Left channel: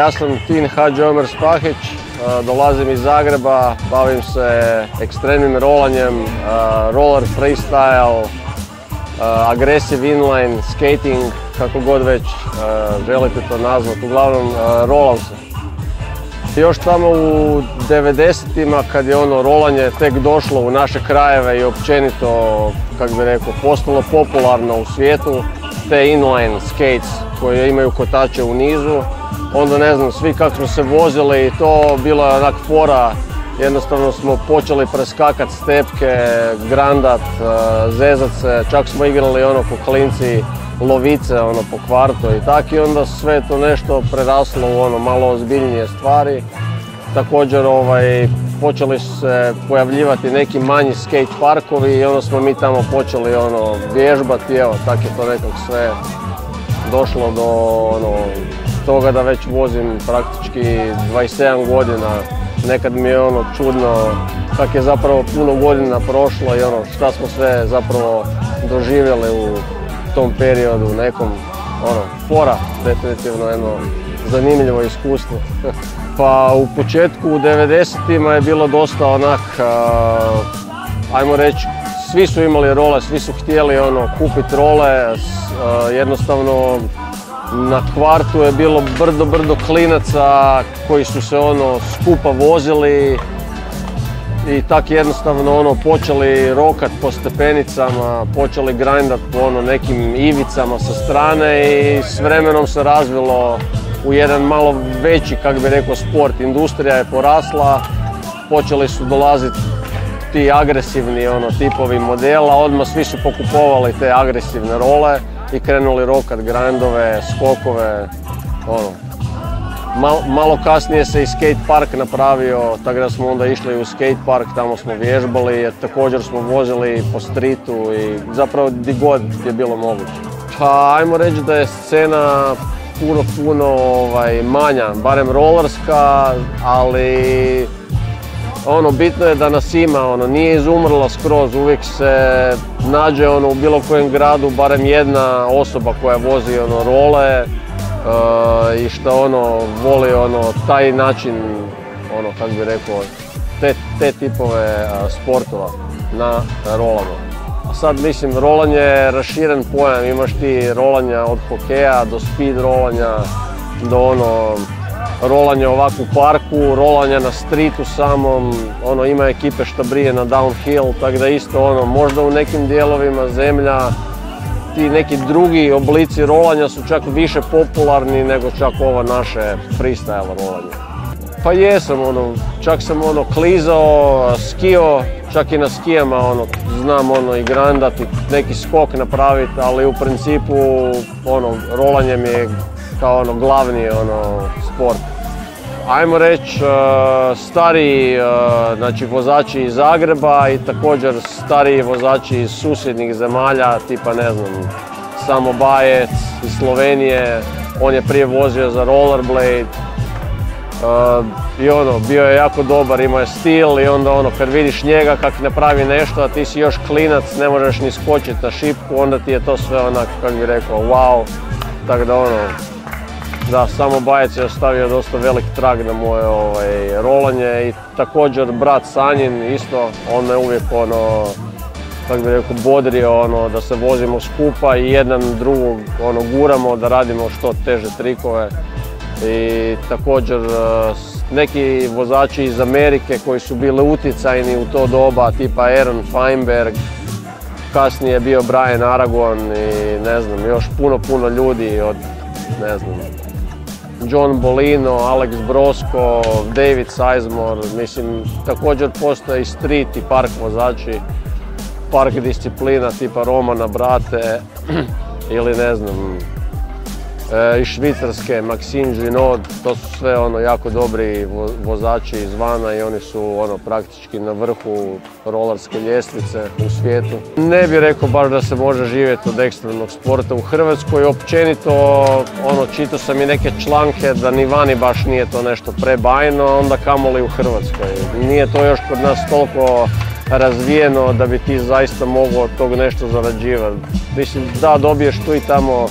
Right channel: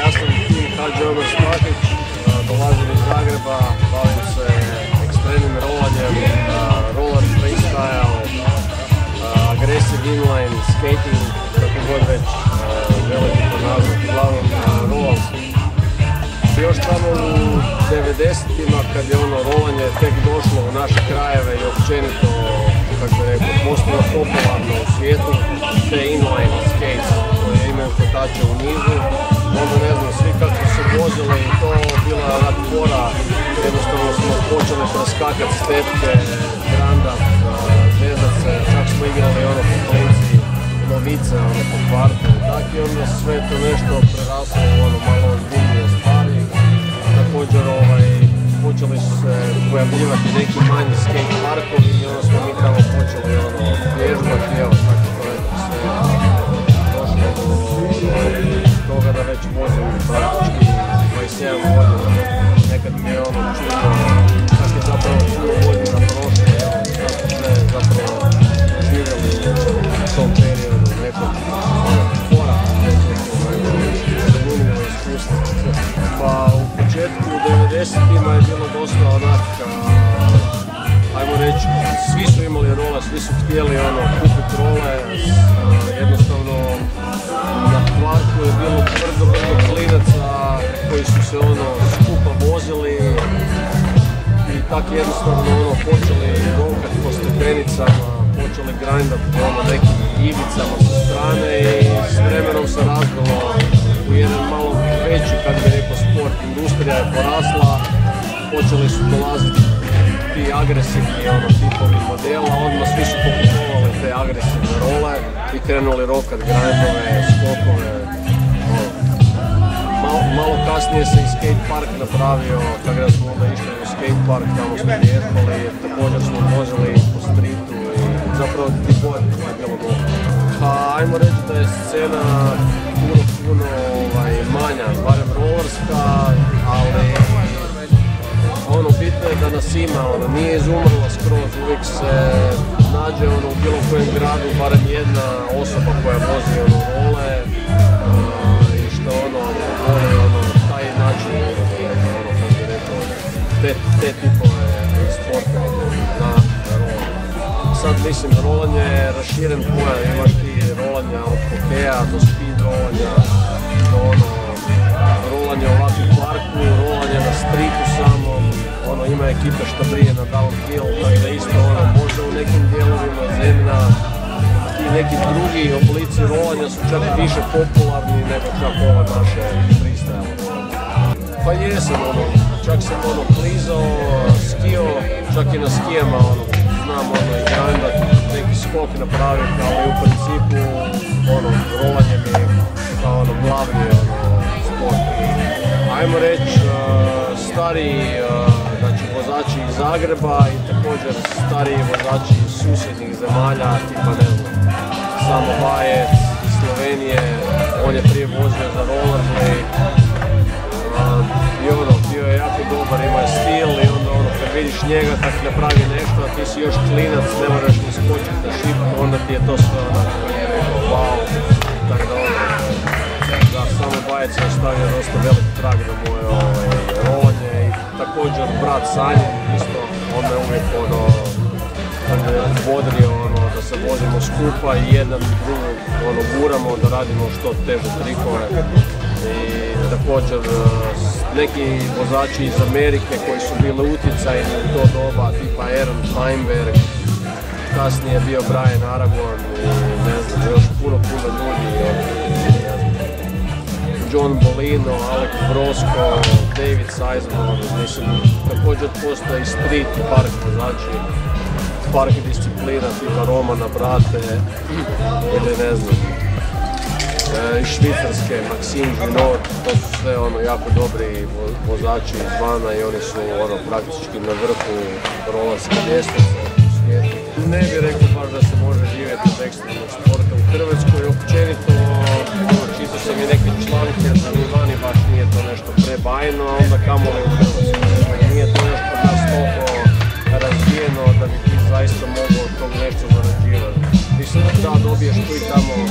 Ja sam Tin Hadži Omer Spahić, dolazim iz Zagreba, bavim se ekstremnim rolanjem, roller freestyle, aggressive inline, skating, kako god već želite to nazvati, uglavnom rolam se. Još tamo u 90-ima kad je rolanje tek došlo u naše krajeve i općenito, kako bi rekao, postalo popularno u svijetu, te inline skates koje imaju kotače u nizu, onda ne znam, svi kako su se vozili i to bila je onak fora, jednostavno smo počeli preskakat stepke, grandat, zezat se, čak smo igrali po klinci lovice po kvartu i tak, i onda sve to nešto preraslo u malo ozbiljnije stvari. Također počeli su se pojavljivati neki manji skate parkovi i onda smo mi tamo počeli vježbati, evo tak je to nekog sve došlo do toga da već vozim praktički 27 godina. Nekad mi je čudno kako je zapravo puno godina prošlo i šta smo sve zapravo doživjeli u tom periodu, nekom fora, definitivno jedno zanimljivo iskustvo. Pa u početku u 90-ima je bilo dosta onak, ajmo reći, svi su imali role, svi su htjeli kupiti role, jednostavno na kvartu je bilo brdo klinaca koji su se skupa vozili i tak jednostavno počeli rokat po stepenicama, počeli grindat po nekim ivicama sa strane i s vremenom se razvilo u jedan malo veći, kako bi rekao, sport. Industrija je porasla, počeli su dolaziti ti agresivni tipovi modela, odmah svi su pokupovali te agresivne role i krenuli rokat grindove, skokove, Malo kasnije se i skate park napravio, tako da smo onda išli u skate park, tamo smo vježbali, jer također smo vozili po streetu i zapravo gdje god je bilo moguće. Pa ajmo reći da je scena puno manja, barem rollerska, ali bitno je da nas ima, nije izumrla skroz, uvijek se nađe u bilo kojem gradu barem jedna osoba koja vozi role i što voli taj način, kako bi rekao, te tipove sportova na rolama. Sad mislim, rolanje je raširen pojam, imaš ti rolanja od hokeja do speed rolanja, do rolanje ovako u parku, rolanje na streetu samom, ima ekipe što brije na downhill, tako da isto možda u nekim dijelovima zemlja ti neki drugi oblici rolanja su čak više popularni nego čak ovo naše freestyle rolanje. Pa jesam, čak sam klizao, skio, čak i na skijama znam i grandat, neki skok napraviti, ali u principu rolanje mi je kao glavni sport. Ajmo reći, stariji vozači iz Zagreba i također stariji vozači iz susjednih zemalja, tipa ne znam, Samo Bajec iz Slovenije, on je prije vozio za rollerblade i bio je jako dobar, imao je stil i onda kad vidiš njega kak napravi nešto, a ti si još klinac, ne moraš ni skočiti na šipku, onda ti je to sve kako bi rekao, wow, tako da da, Samo Bajec je ostavio dosta velik trag na moje rolanje i također brat Sanjin isto, on me uvijek kako bi rekao, bodrio da se vozimo skupa i jedan drugog guramo da radimo što teže trikove. I također neki vozači iz Amerike koji su bili utjecajni u to doba, tipa Aaron Feinberg, kasnije je bio Brian Aragon i ne znam, još puno ljudi od, ne znam, John Bolino, Alex Brosko, David Sizemore, mislim, također postoje i street i park vozači, park disciplina tipa Romana Brate ili ne znam, iz Švicarske, Maxime Junod, to su sve jako dobri vozači izvana i oni su praktički na vrhu rolerske ljestvice u svijetu. Ne bih rekao baš da se može živjeti od ekstremnog sporta u Hrvatskoj, općenito čitao sam i neke članke da ni vani baš nije to nešto prebajno, onda kamoli u Hrvatskoj. I nije to još kod nas toliko razvijeno da bi ti zaista mogao od tog nešto zarađivati. Mislim, da dobiješ tu i tamo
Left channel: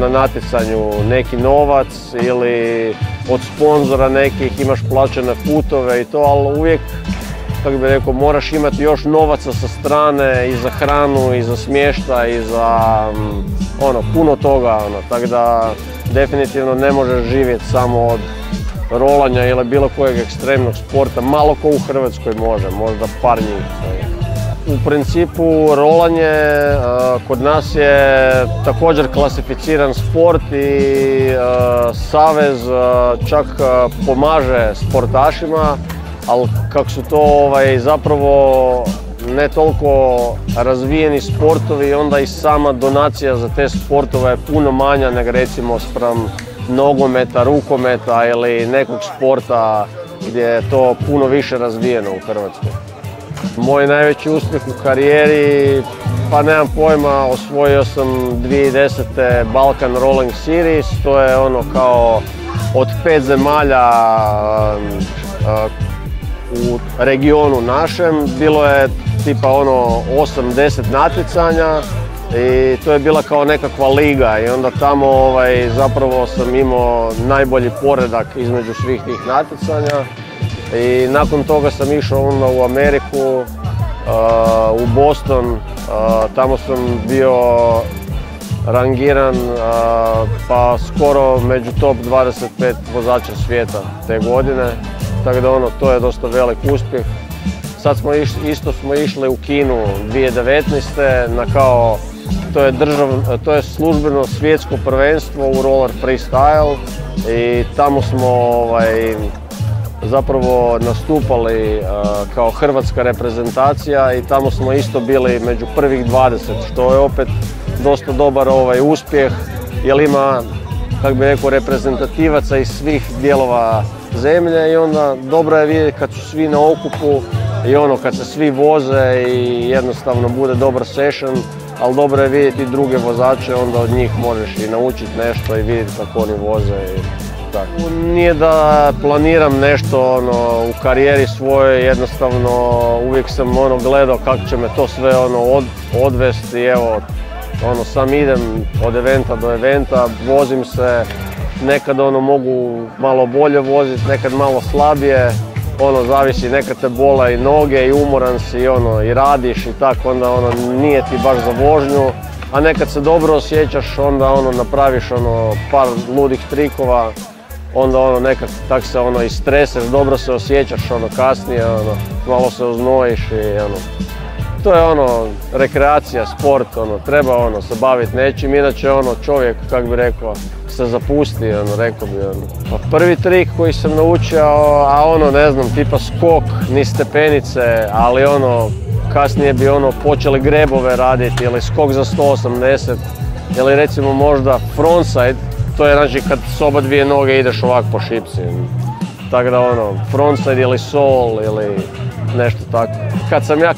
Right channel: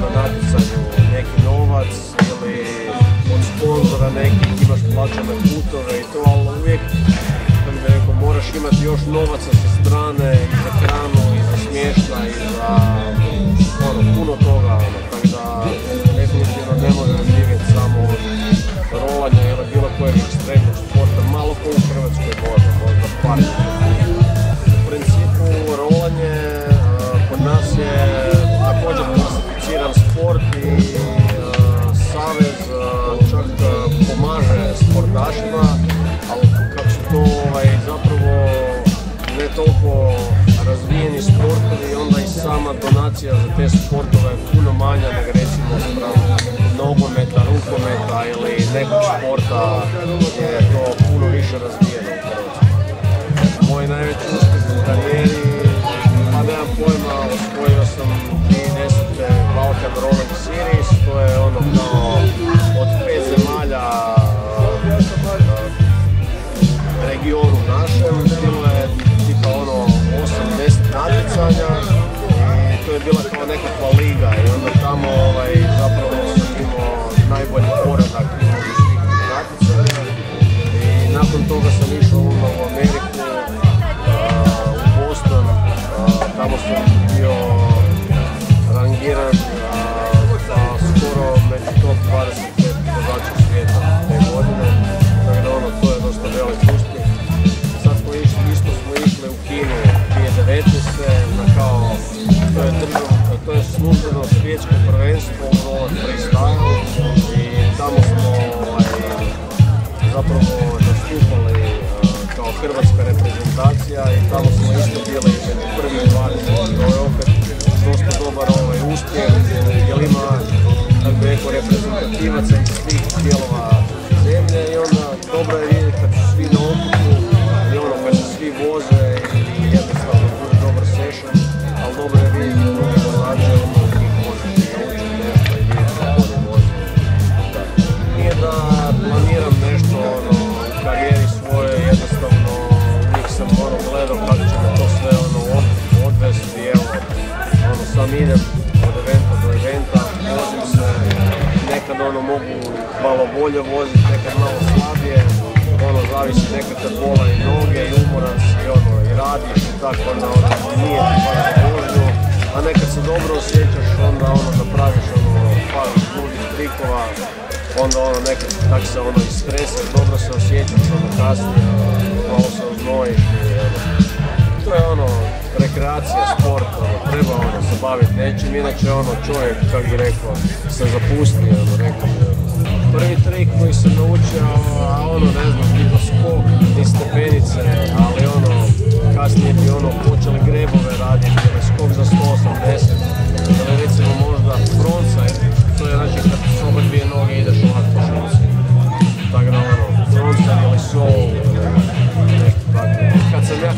na natjecanju neki novac ili od sponzora nekih, imaš plaćene putove i to, ali uvijek, kako bi rekao, moraš imati još novaca sa strane i za hranu, i za smještaj, i za puno toga, tako da definitivno ne možeš živjeti samo od rolanja ili bilo kojeg ekstremnog sporta, malo ko u Hrvatskoj može, možda par njih. U principu rolanje kod nas je također klasificiran sport i savez čak pomaže sportašima, ali kako su to zapravo ne toliko razvijeni sportovi, onda i sama donacija za te sportove je puno manja nego recimo spram nogometa, rukometa ili nekog sporta gdje je to puno više razvijeno u Hrvatskoj. Moj najveći uspjeh u karijeri, pa nemam pojma, osvojio sam 2010. Balkan Rolling Series, to je kao od 5 zemalja u regionu našem, bilo je tipa 8-10 natjecanja i to je bila kao nekakva liga i onda tamo zapravo sam imao najbolji poredak između svih tih natjecanja. I nakon toga sam išao u Ameriku, u Boston, tamo sam bio rangiran pa skoro među top 25 vozača svijeta te godine, tako da to je dosta velik uspjeh. Sad smo išli u Kinu 2019. To je službeno svjetsko prvenstvo u roller freestyle i tamo smo zapravo nastupali kao hrvatska reprezentacija i tamo smo isto bili među prvih 20. To je opet dosta dobar uspjeh, jer ima, kako bi rekao, reprezentativaca iz svih dijelova zemlje i onda dobro je vidjeti kad su svi na okupu i kad se svi voze i jednostavno bude dobar session, ali dobro je vidjeti druge vozače, onda od njih možeš i naučiti nešto i vidjeti kako oni voze. Nije da planiram nešto u karijeri svojoj, jednostavno uvijek sam gledao kako će me to sve odvesti i evo, sam idem od eventa do eventa, vozim se, nekad mogu malo bolje voziti, nekad malo slabije, zavisi, nekad te bola i noge i umoran si i radiš i tako, onda nije ti baš za vožnju, a nekad se dobro osjećaš, onda napraviš par ludih trikova, onda nekad tak se istreseš, dobro se osjećaš kasnije, malo se oznojiš i to je rekreacija, sport, treba se baviti nečim, inače čovjek, kako bi rekao, se zapusti, rekao bi. Prvi trik koji sam naučio, a ne znam, tipa skok, ni stepenice, ali kasnije bi počeli grebove raditi ili skok za 180 ili recimo možda frontside. To je znači kad s oba dvije noge ideš ovako po šipci. Tako da frontside ili sol ili nešto tako. Kad sam ja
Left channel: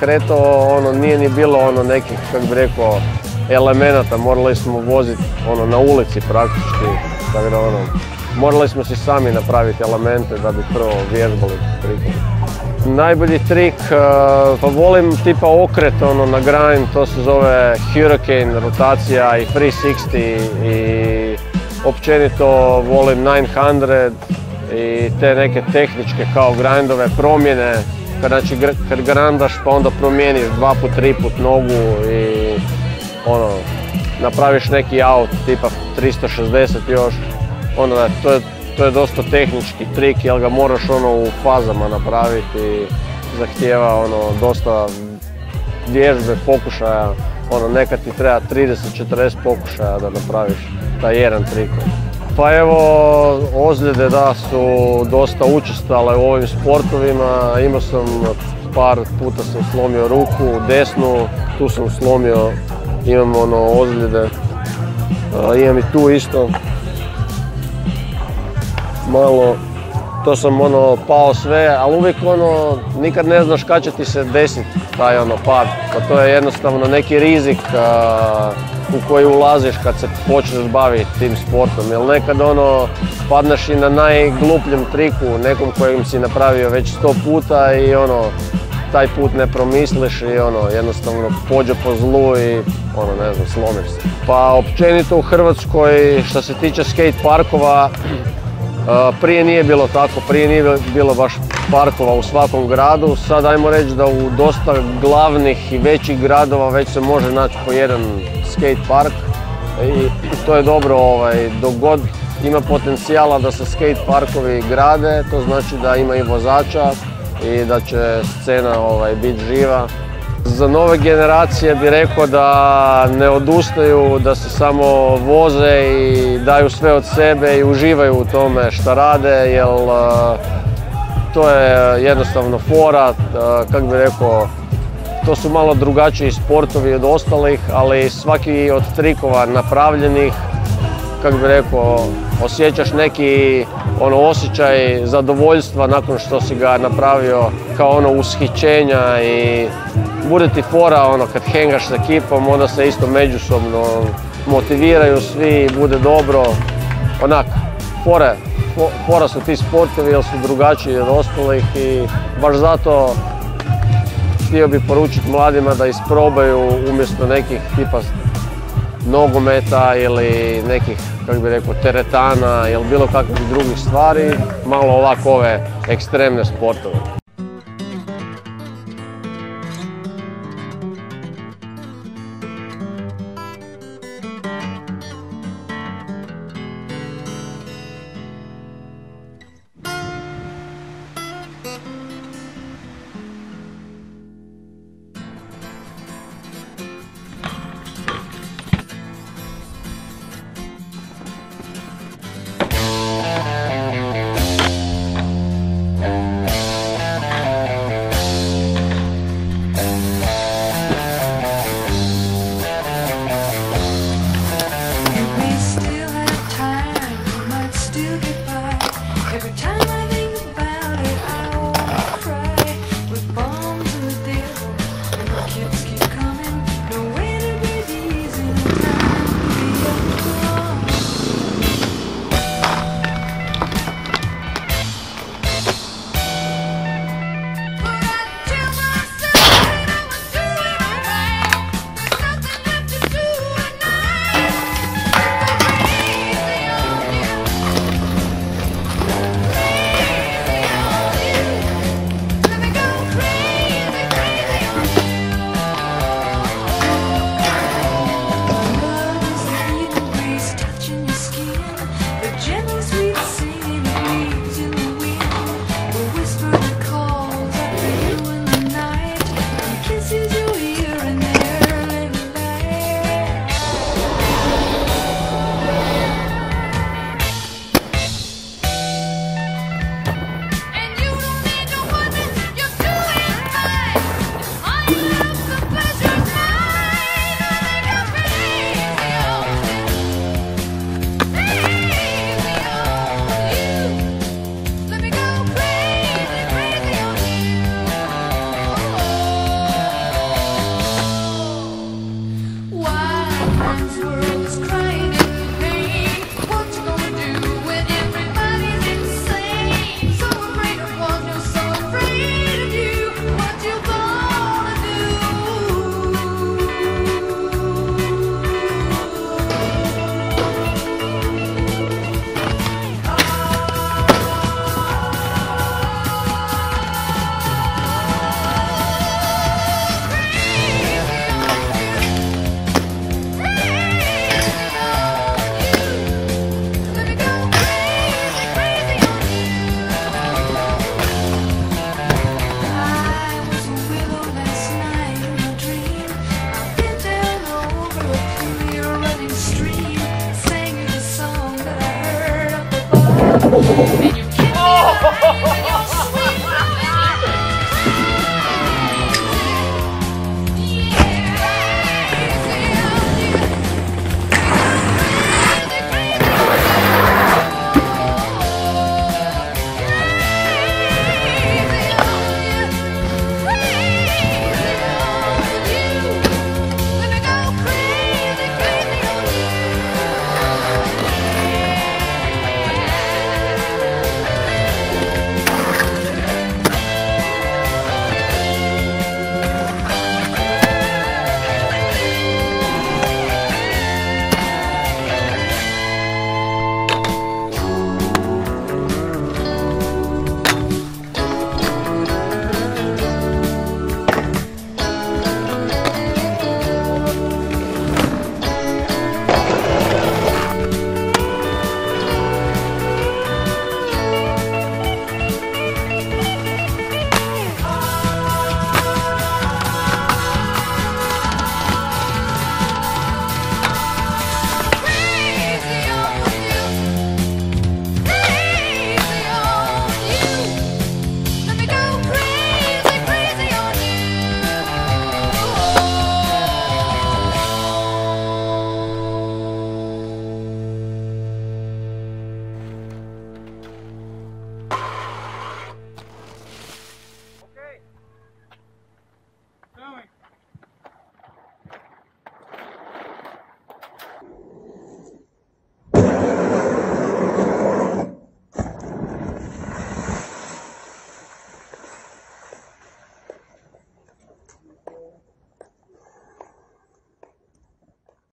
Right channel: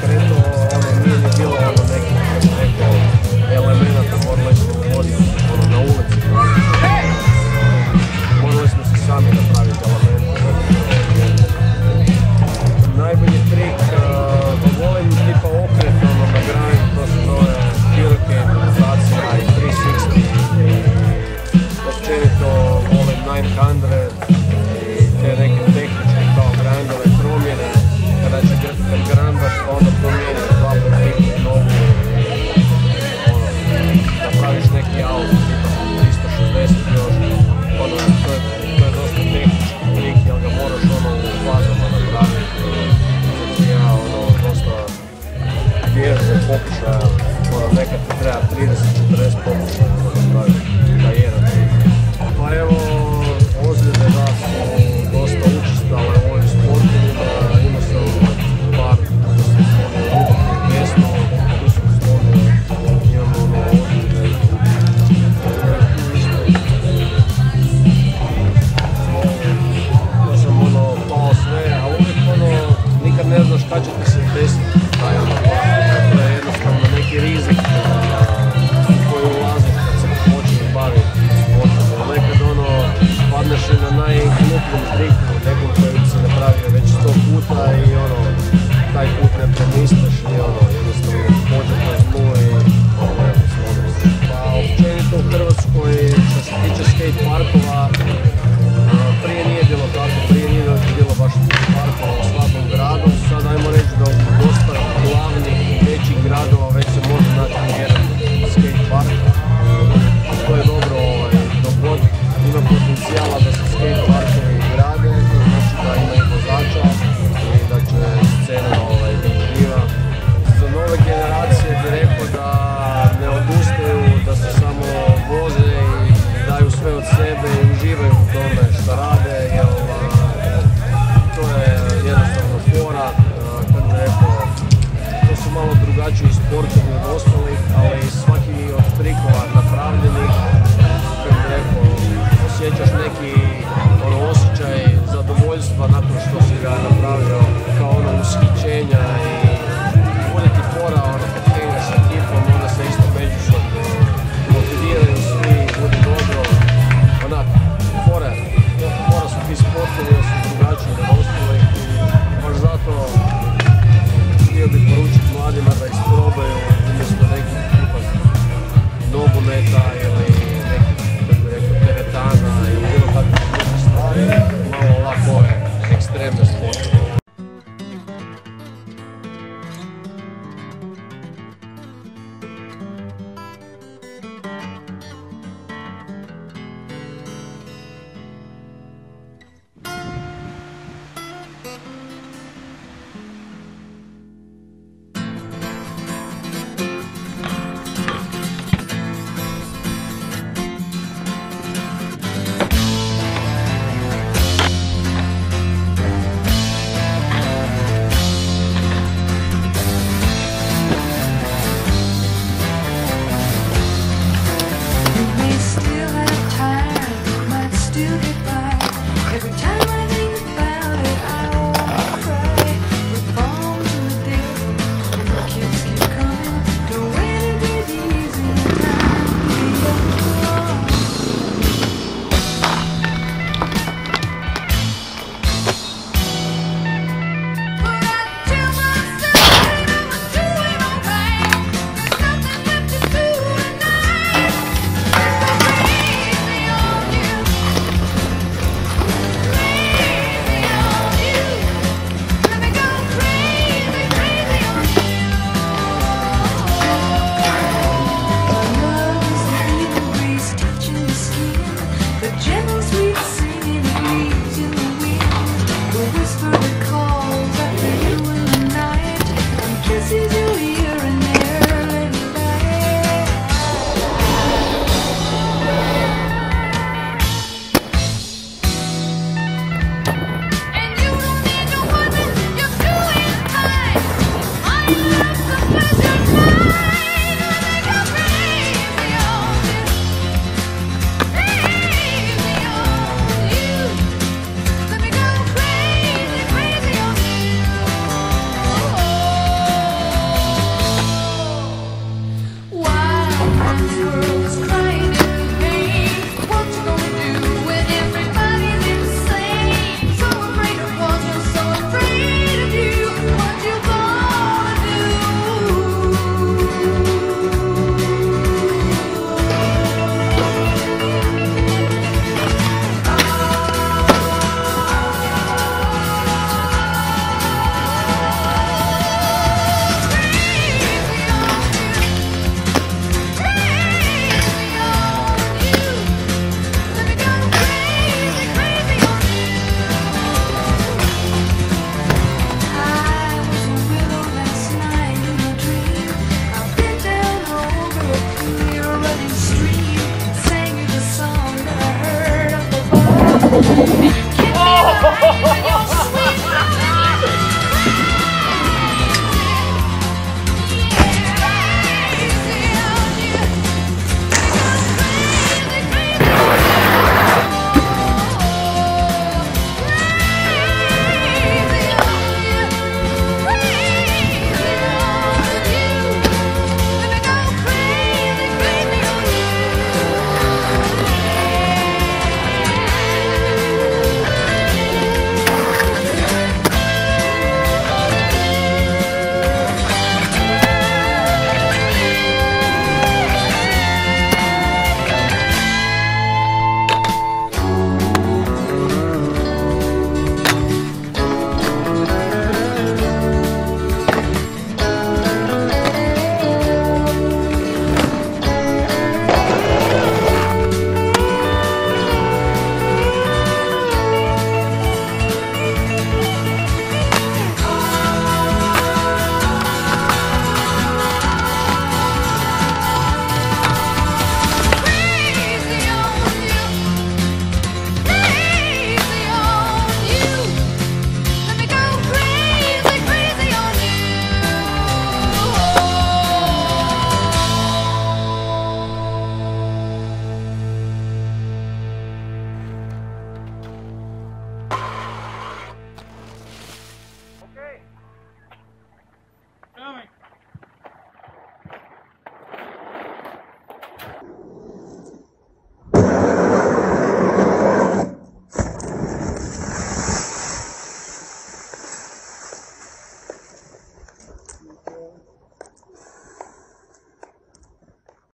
kretao, nije ni bilo nekih, kako bi rekao, elemenata. Morali smo voziti na ulici praktički. Tako da morali smo si sami napraviti elemente da bi prvo vježbali. Najbolji trik, pa volim tipa okret na grind, to se zove Hurricane, rotacija i 360 i općenito volim 900 i te neke tehničke kao grindove, promjene. Kad grindaš pa onda promijeniš 2 put, 3 put nogu i napraviš neki out tipa 360 još. To je dosta tehnički trik, jer ga moraš u fazama napraviti i zahtijeva dosta vježbe, pokušaja. Nekad ti treba 30-40 pokušaja da napraviš taj jedan trik. Pa evo, ozljede da su dosta učestale u ovim sportovima. Imao sam par puta sam slomio ruku, desnu, tu sam slomio, imam ozljede. Imam i tu isto. Malo, to sam pao sve, ali uvijek nikad ne znaš kad će ti se desiti taj pad. Pa to je jednostavno neki rizik u koji ulaziš kad se počneš baviti tim sportom. Jer nekad padneš i na najglupljem triku, nekom kojim si napravio već 100 puta i taj put ne promisliš i jednostavno pođe po zlu i ne znam, slomiš se. Pa općenito u Hrvatskoj što se tiče skate parkova, prije nije bilo tako, prije nije bilo baš parkova u svakom gradu. Sad ajmo reći da u dosta glavnih i većih gradova već se može naći po jedan skate park i to je dobro, dok god ima potencijala da se skate parkovi grade, to znači da ima i vozača i da će scena biti živa. Za nove generacije bih rekao da ne odustaju, da se samo voze i daju sve od sebe i uživaju u tome šta rade, jer to je jednostavno fora, kako bih rekao, to su malo drugačiji sportovi od ostalih, ali svaki od trikova napravljenih, kako bih rekao, osjećaš neki osjećaj zadovoljstva nakon što si ga napravio, kao ushićenja i bude ti fora kad hengaš s ekipom, onda se isto međusobno motiviraju svi, bude dobro. Fora su ti sportovi jer su drugačiji od ostalih i baš zato htio bih poručiti mladima da isprobaju umjesto nekih tipa nogometa ili nekih, kako bih rekao, teretana ili bilo kakvih drugih stvari, malo ovako ove ekstremne sportove. And you kept me